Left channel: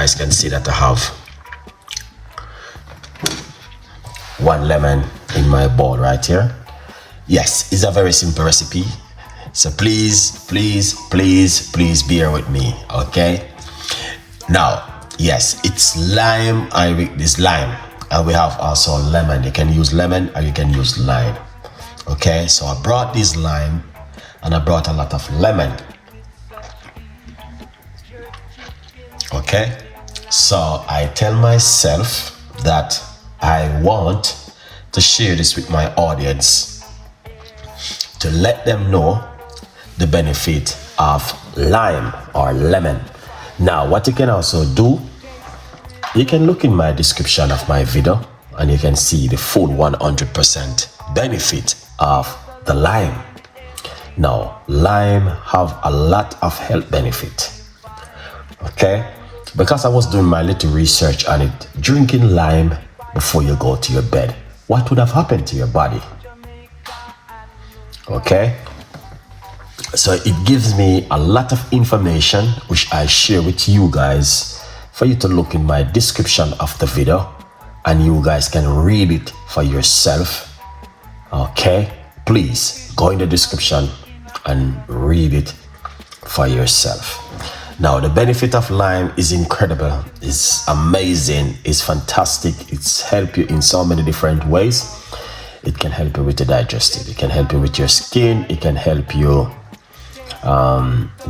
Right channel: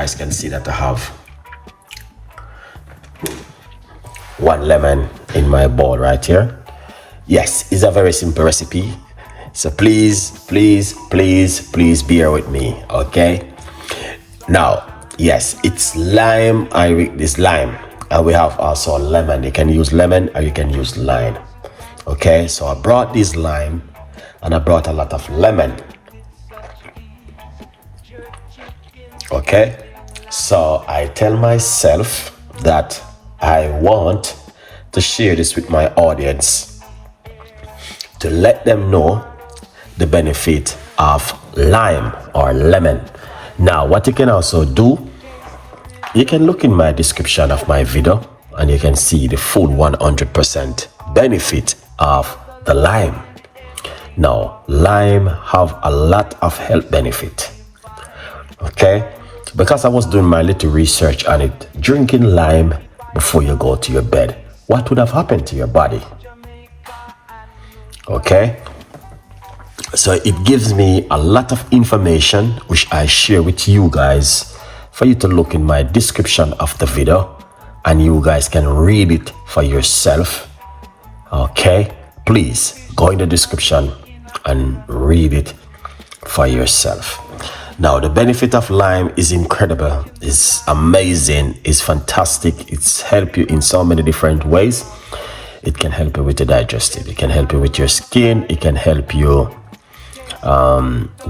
guys can see that I have 1 lemon in my bowl right here. Yes, it's a very simple recipe, so please bear with me, okay? Now, yes, it's lime. This lime, and we have also lemon. You can use lemon or you can use lime. Okay, so I brought this lime and I brought a lot of lemon. Okay, so I tell myself that I want to share this with my audience to let them know the benefit of lime or lemon. Now, what you can also do, you can look in my description of my video and you can see the full 100% benefit of the lime. Now, lime have a lot of health benefit. Okay, because I was doing my little research on it, drinking lime before you go to your bed, what would have happened to your body? Okay, so it gives me a lot of information which I share with you guys for you to look in my description of the video and you guys can read it for yourself. Okay, please go in the description and read it for yourself. Now, the benefit of lime is incredible, it's amazing, it's fantastic. It's help you in so many different ways. It can help you with the digestive, it can help you with your skin, it can help you,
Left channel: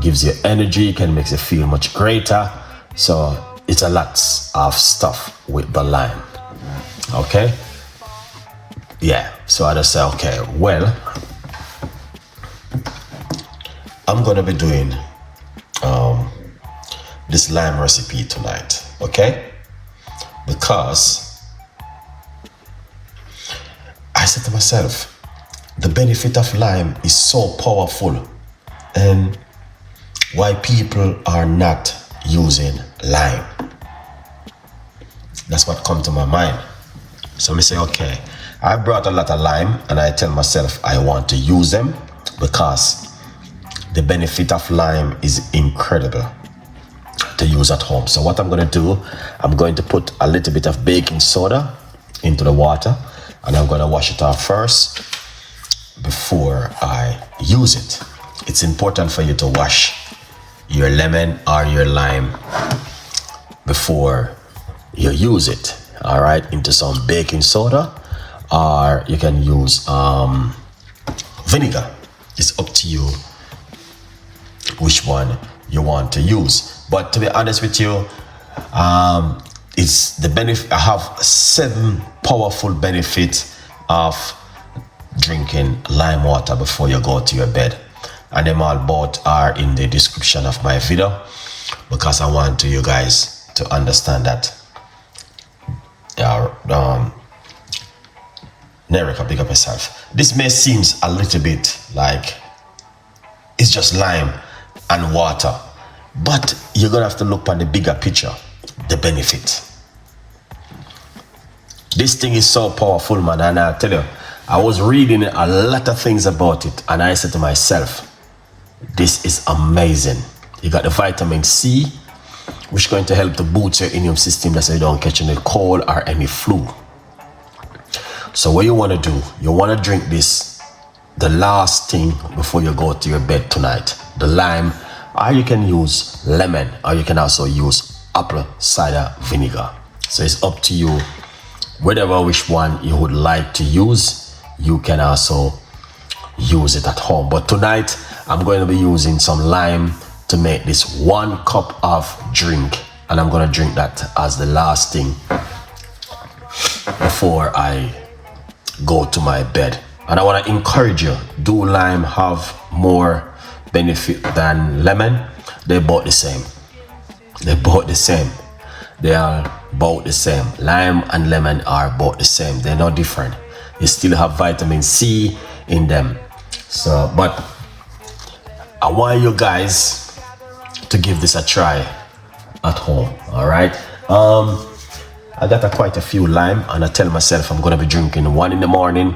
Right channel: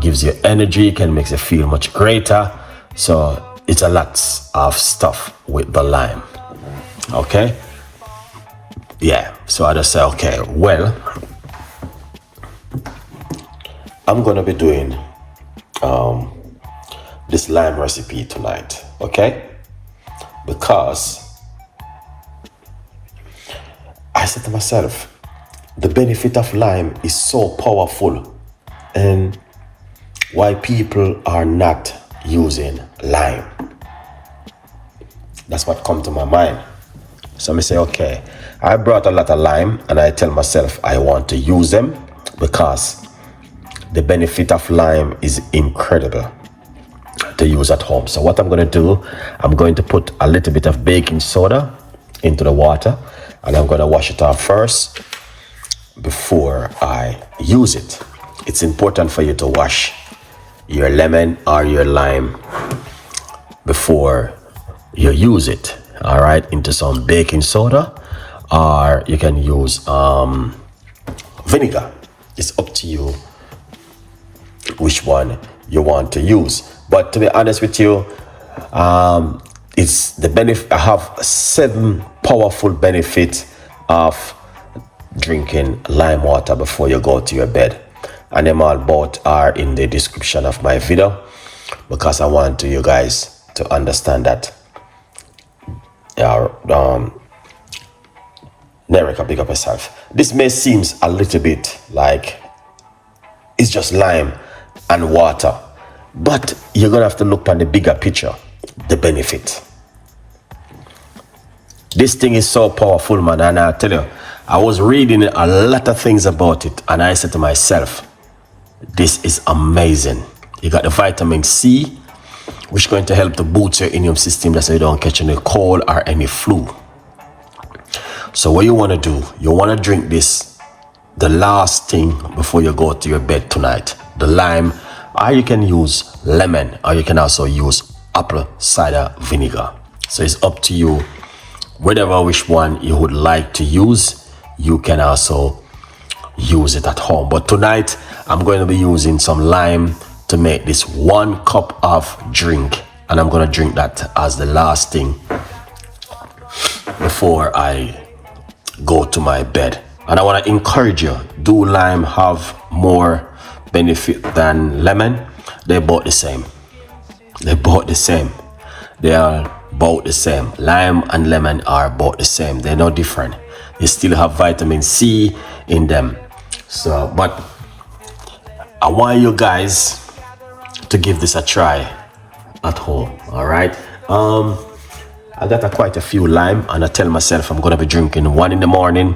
gives you energy, it can make you feel much greater. So it's a lot of stuff with the lime. Okay, yeah, so I just say, okay, well, I'm gonna be doing this lime recipe tonight, okay? Because I said to myself, the benefit of lime is so powerful, and why people are not using lime. That's what come to my mind. So I say, okay, I brought a lot of lime and I tell myself I want to use them because the benefit of lime is incredible to use at home. So what I'm going to do, I'm going to put a little bit of baking soda into the water and I'm going to wash it off first before I use it. It's important for you to wash your lemon or your lime before you use it, all right, into some baking soda, or you can use vinegar. It's up to you which one you want to use. But to be honest with you, it's the benefit. I have 7 powerful benefits of drinking lime water before you go to your bed, and them all both are in the description of my video because I want you guys to understand that. Erica, pick up yourself. This may seem a little bit like it's just lime and water, but you're gonna have to look at the bigger picture, the benefit. This thing is so powerful, man, and I tell you, I was reading a lot of things about it and I said to myself, this is amazing. You got the vitamin C, which is going to help to boost your immune system so you don't catch any cold or any flu. So what you want to do, you want to drink this the last thing before you go to your bed tonight. The lime, or you can use lemon, or you can also use apple cider vinegar. So it's up to you, whatever which one you would like to use. You can also use it at home, but tonight I'm going to be using some lime to make this 1 cup of drink, and I'm going to drink that as the last thing before I go to my bed. And I want to encourage you, do lime have more benefit than lemon? They're both the same. They're both the same. They are both the same. Lime and lemon are both the same. They're no different. They still have vitamin C in them. So, but I want you guys to give this a try at home, all right? I got quite a few lime, and I tell myself I'm gonna be drinking 1 in the morning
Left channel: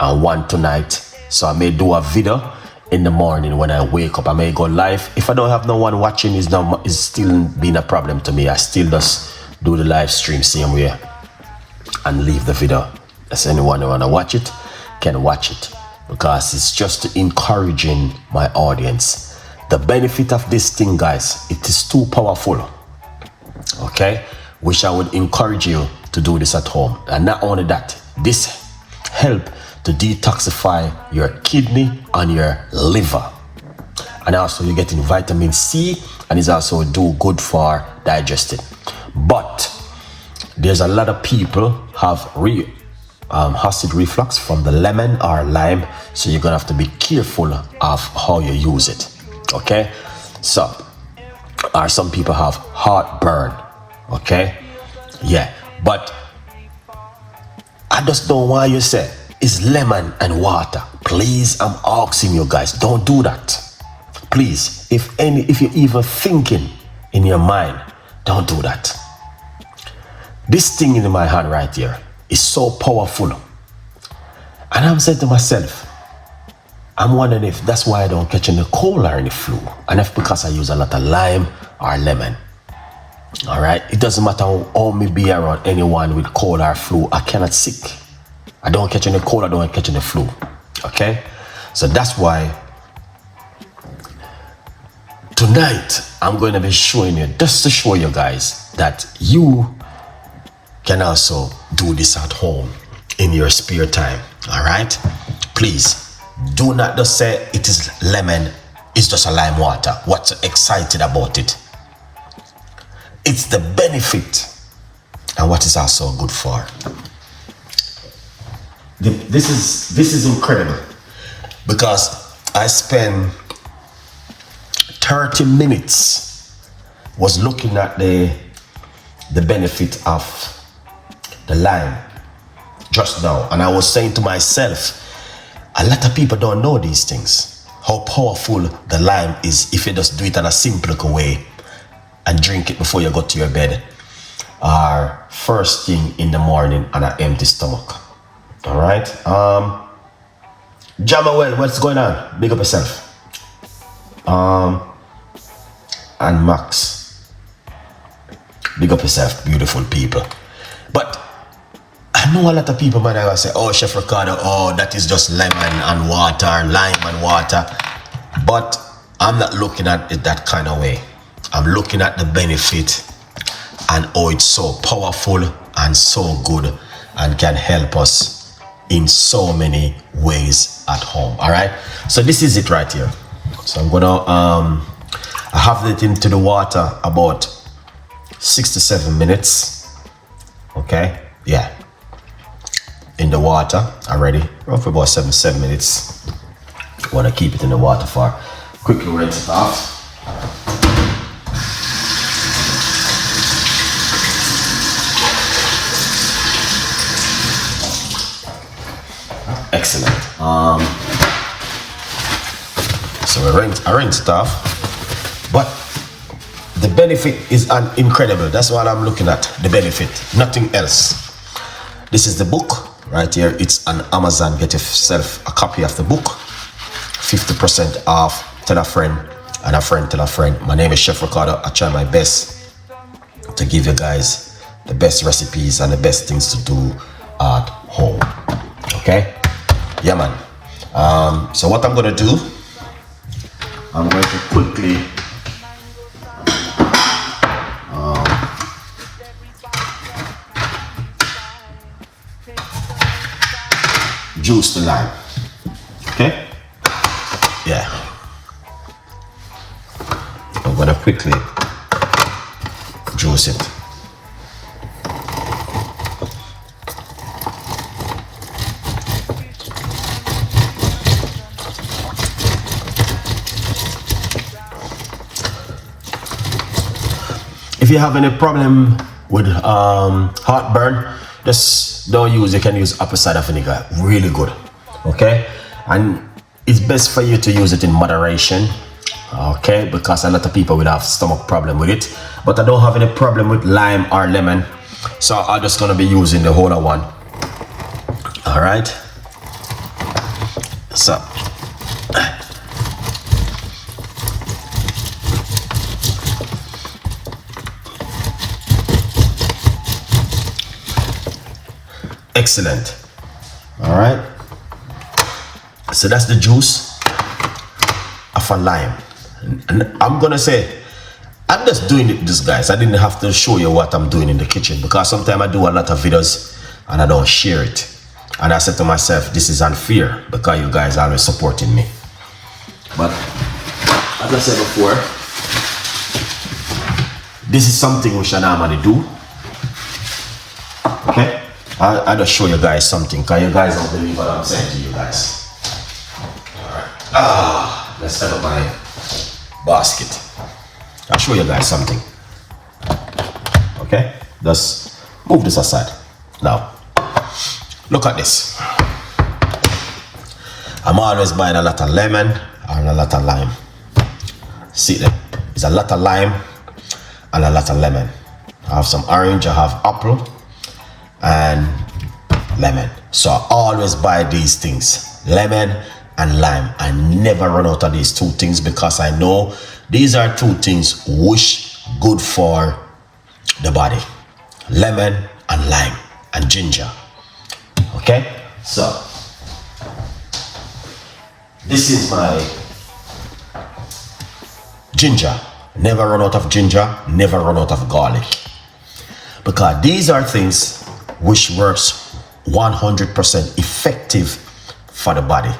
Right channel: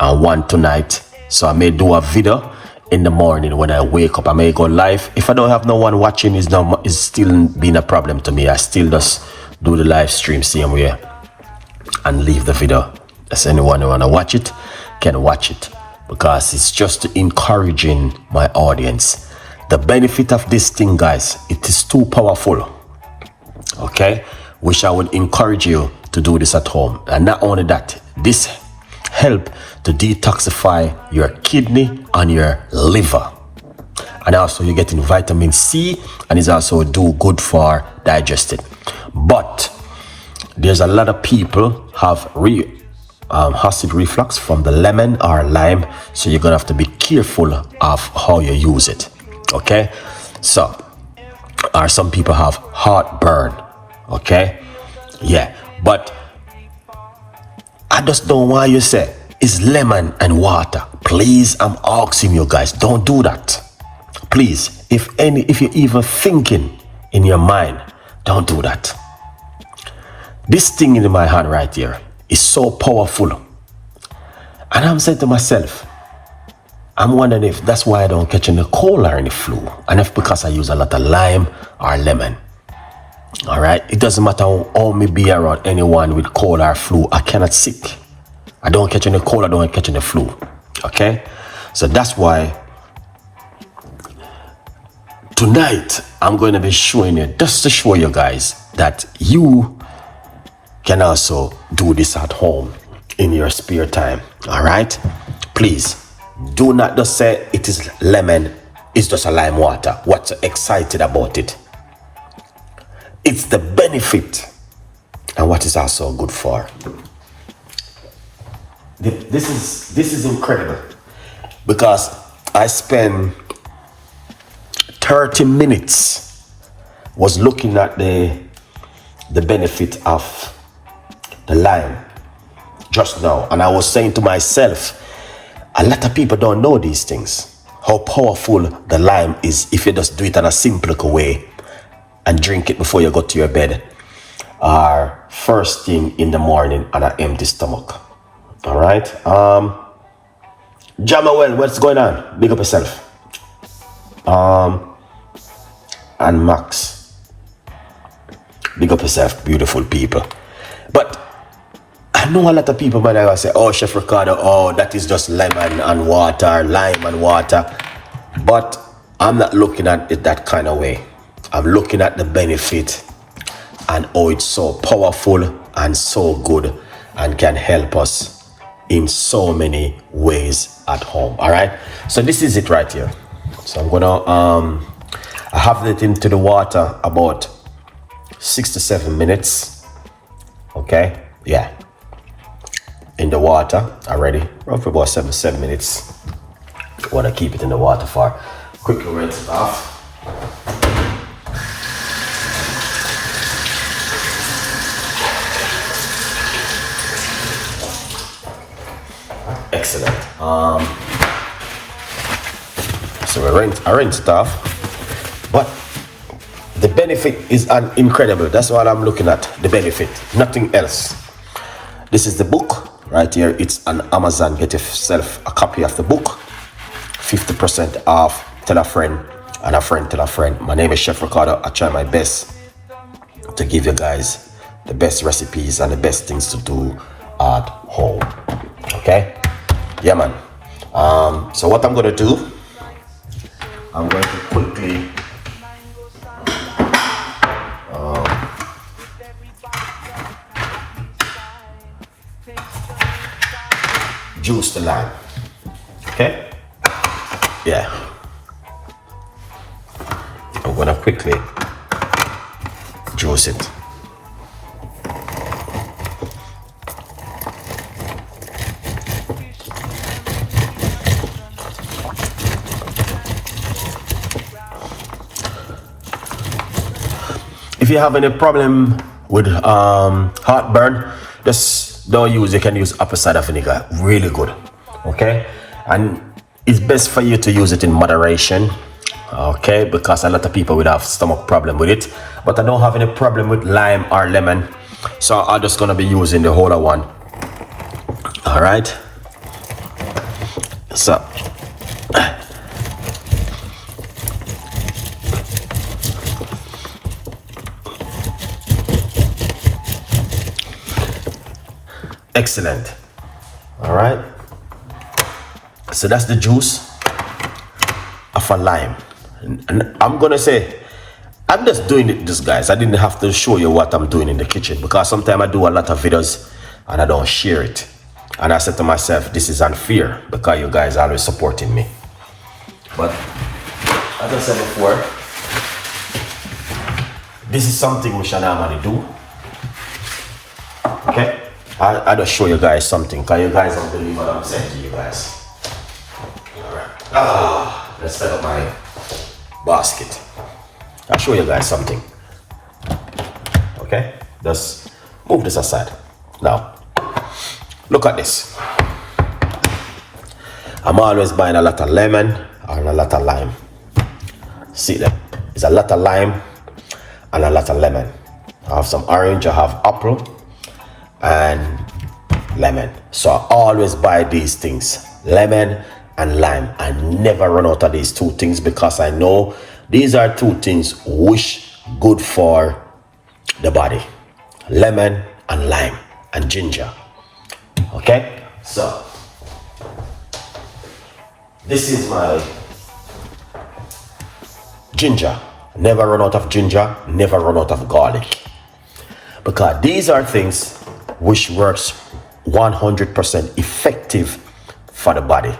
and 1 tonight. So I may do a video in the morning when I wake up. I may go live. If I don't have no one watching, it's still been a problem to me. I still just do the live stream same way and leave the video. As anyone who wanna watch it can watch it, because it's just encouraging my audience. The benefit of this thing, guys, it is too powerful. Okay, which I would encourage you to do this at home. And not only that, this help to detoxify your kidney and your liver. And also you're getting vitamin C, and it's also do good for digestion. But there's a lot of people have acid reflux from the lemon or lime, so you're gonna have to be careful of how you use it. Okay, so or some people have heartburn. Okay, yeah, but I just don't want you to say it's lemon and water. Please, I'm asking you guys, don't do that. Please, if you're even thinking in your mind, don't do that. This thing in my hand right here is so powerful. And I'm saying to myself, I'm wondering if that's why I don't catch any cold or any flu. And if because I use a lot of lime or lemon. All right, it doesn't matter how me be around anyone with cold or flu, I cannot sick. I don't catch any cold, I don't catch any flu. Okay, so that's why tonight I'm going to be showing you, just to show you guys that you can also do this at home in your spare time. All right, please do not just say it is lemon, it's just a lime water. What's excited about it? It's the benefit and what is also good for. This is incredible, because I spent 30 minutes was looking at the benefit of the lime just now, and I was saying to myself, a lot of people don't know these things, how powerful the lime is if you just do it in a simple way and drink it before you go to your bed or first thing in the morning on an empty stomach. All right, Jamawell, what's going on? Big up yourself. And Max, big up yourself, beautiful people. But I know a lot of people, but I will say, oh, Chef Ricardo, oh, that is just lemon and water, lime and water. But I'm not looking at it that kind of way. I'm looking at the benefit and how it's so powerful and so good and can help us in so many ways at home. All right, so this is it right here. So I'm gonna I have it into the water about 6 to 7 minutes. Okay, yeah, in the water already, roughly about 7 minutes. I want to keep it in the water for quickly rinse it off. Excellent. So I rinse it off, but the benefit is incredible. That's what I'm looking at, the benefit, nothing else. This is the book right here. It's on Amazon. Get yourself a copy of the book, 50% off. Tell a friend, and a friend tell a friend. My name is Chef Ricardo. I try my best to give you guys the best recipes and the best things to do at home. Okay, yeah, man. So what I'm gonna do, I'm going to quickly juice the lime. Okay, yeah, I'm gonna quickly juice it. If you have any problem with heartburn, just don't use, you can use apple cider vinegar, really good. Okay, and it's best for you to use it in moderation, okay, because a lot of people will have stomach problem with it, but I don't have any problem with lime or lemon, so I'm just gonna be using the whole one. All right, so excellent. All right, so that's the juice of a lime. And I'm gonna say, I'm just doing this, guys. I didn't have to show you what I'm doing in the kitchen, because sometimes I do a lot of videos and I don't share it. And I said to myself, this is unfair, because you guys are always supporting me. But as I said before, this is something which I normally do. Okay, I'll just show you guys something, because you guys don't believe what I'm saying to you guys. All right, let's set up my basket. I'll show you guys something. Okay, just move this aside. Now, look at this. I'm always buying a lot of lemon and a lot of lime. See that? It's a lot of lime and a lot of lemon. I have some orange, I have apple and lemon. So I always buy these things, lemon and lime. I never run out of these two things, because I know these are two things which good for the body. Lemon and lime and ginger. Okay, so this is my ginger. Never run out of ginger, never run out of garlic, because these are things which works 100% effective for the body.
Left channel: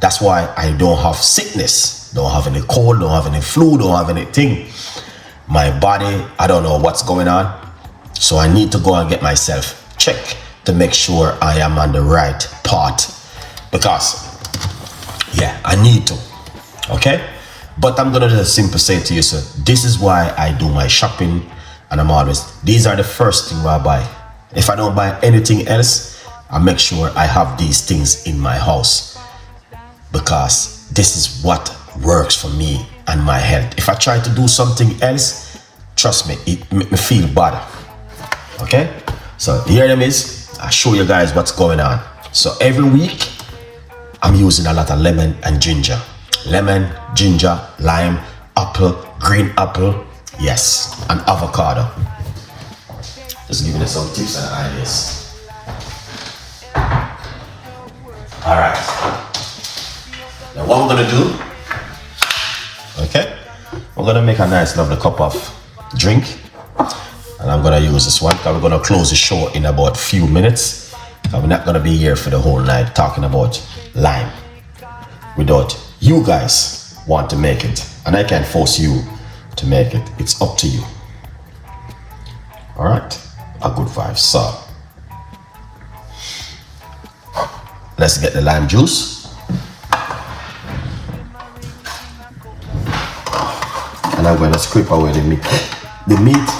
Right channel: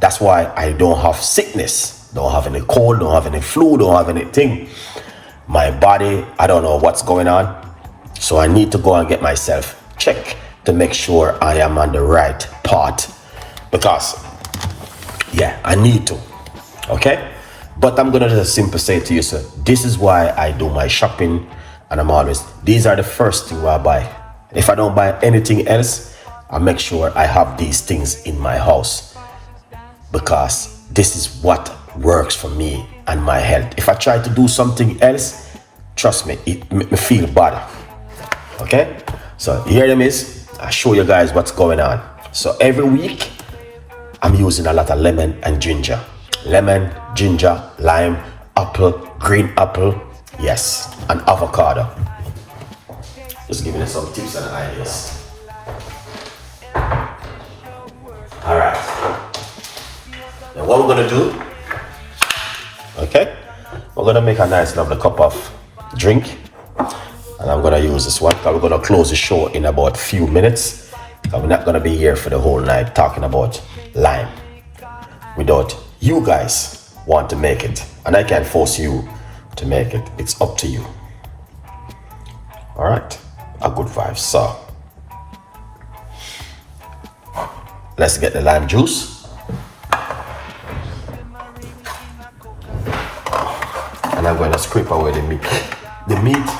That's why I don't have sickness, don't have any cold, don't have any flu, don't have anything. My body, I don't know what's going on, so I need to go and get myself checked to make sure I am on the right path, because yeah, I need to. Okay, but I'm gonna just simply say to you, sir, this is why I do my shopping, and I'm always, these are the first thing I buy. If I don't buy anything else, I make sure I have these things in my house, because this is what works for me and my health. If I try to do something else, trust me, it make me feel bad. Okay, so here it is. I show you guys what's going on. So every week I'm using a lot of lemon and ginger. Lemon, ginger, lime, apple, green apple, yes, and avocado. Just giving you some tips and ideas. All right, now what we're gonna do, okay, we're gonna make a nice lovely cup of drink, and I'm gonna use this one, because we're gonna close the show in about a few minutes. We're not gonna be here for the whole night talking about lime without you guys want to make it, and I can't force you to make it. It's up to you. All right, a good vibe. So let's get the lime juice, and I'm going to scrape away the meat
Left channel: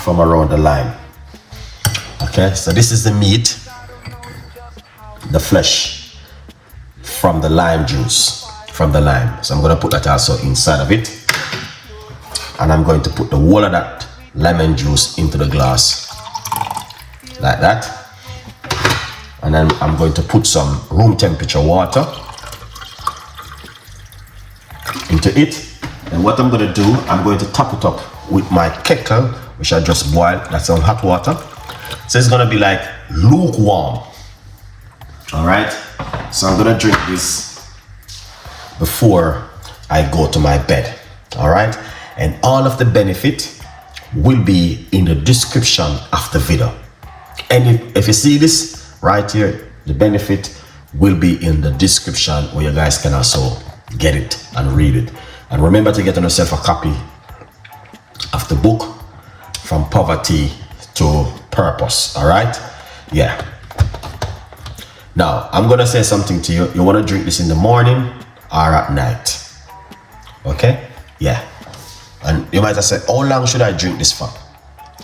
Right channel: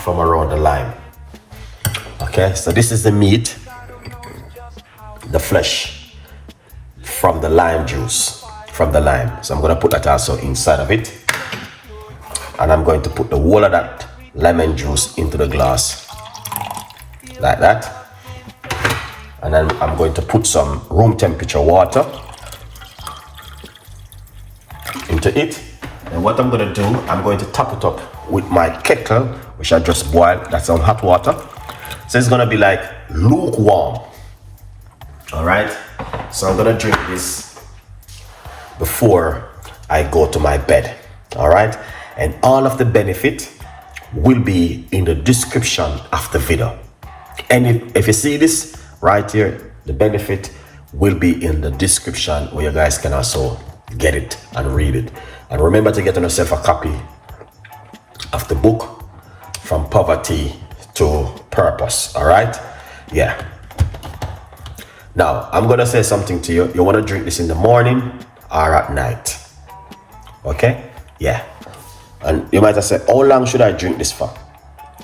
from around the lime. Okay, so this is the meat, the flesh from the lime juice, from the lime. So I'm going to put that also inside of it, and I'm going to put the whole of that lemon juice into the glass like that, and then I'm going to put some room temperature water into it. And what I'm going to do, I'm going to top it up with my kettle, which I just boiled. That's some hot water, so it's going to be like lukewarm. All right, so I'm going to drink this before I go to my bed. All right, and all of the benefit will be in the description of the video. And if you see this right here, the benefit will be in the description, where you guys can also get it and read it. And remember to get yourself a copy of the book, From Poverty to Purpose. All right, yeah. Now I'm gonna say something to you. You want to drink this in the morning or at night? Okay, yeah. And you might have said, how long should I drink this for?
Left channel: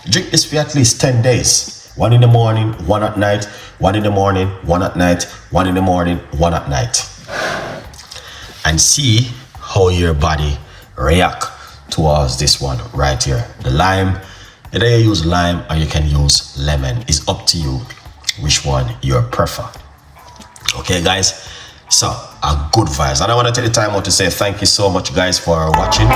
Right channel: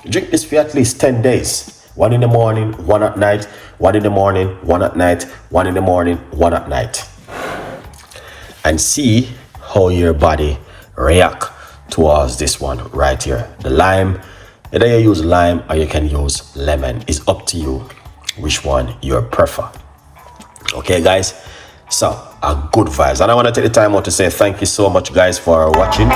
Drink this for at least 10 days. One in the morning, one at night, one in the morning, one at night, one in the morning, one at night. And see how your body react towards this one right here. The lime, either you use lime or you can use lemon. It's up to you which one you prefer. Okay, guys? So, a good vibes. And I want to take the time out to say thank you so much, guys, for watching.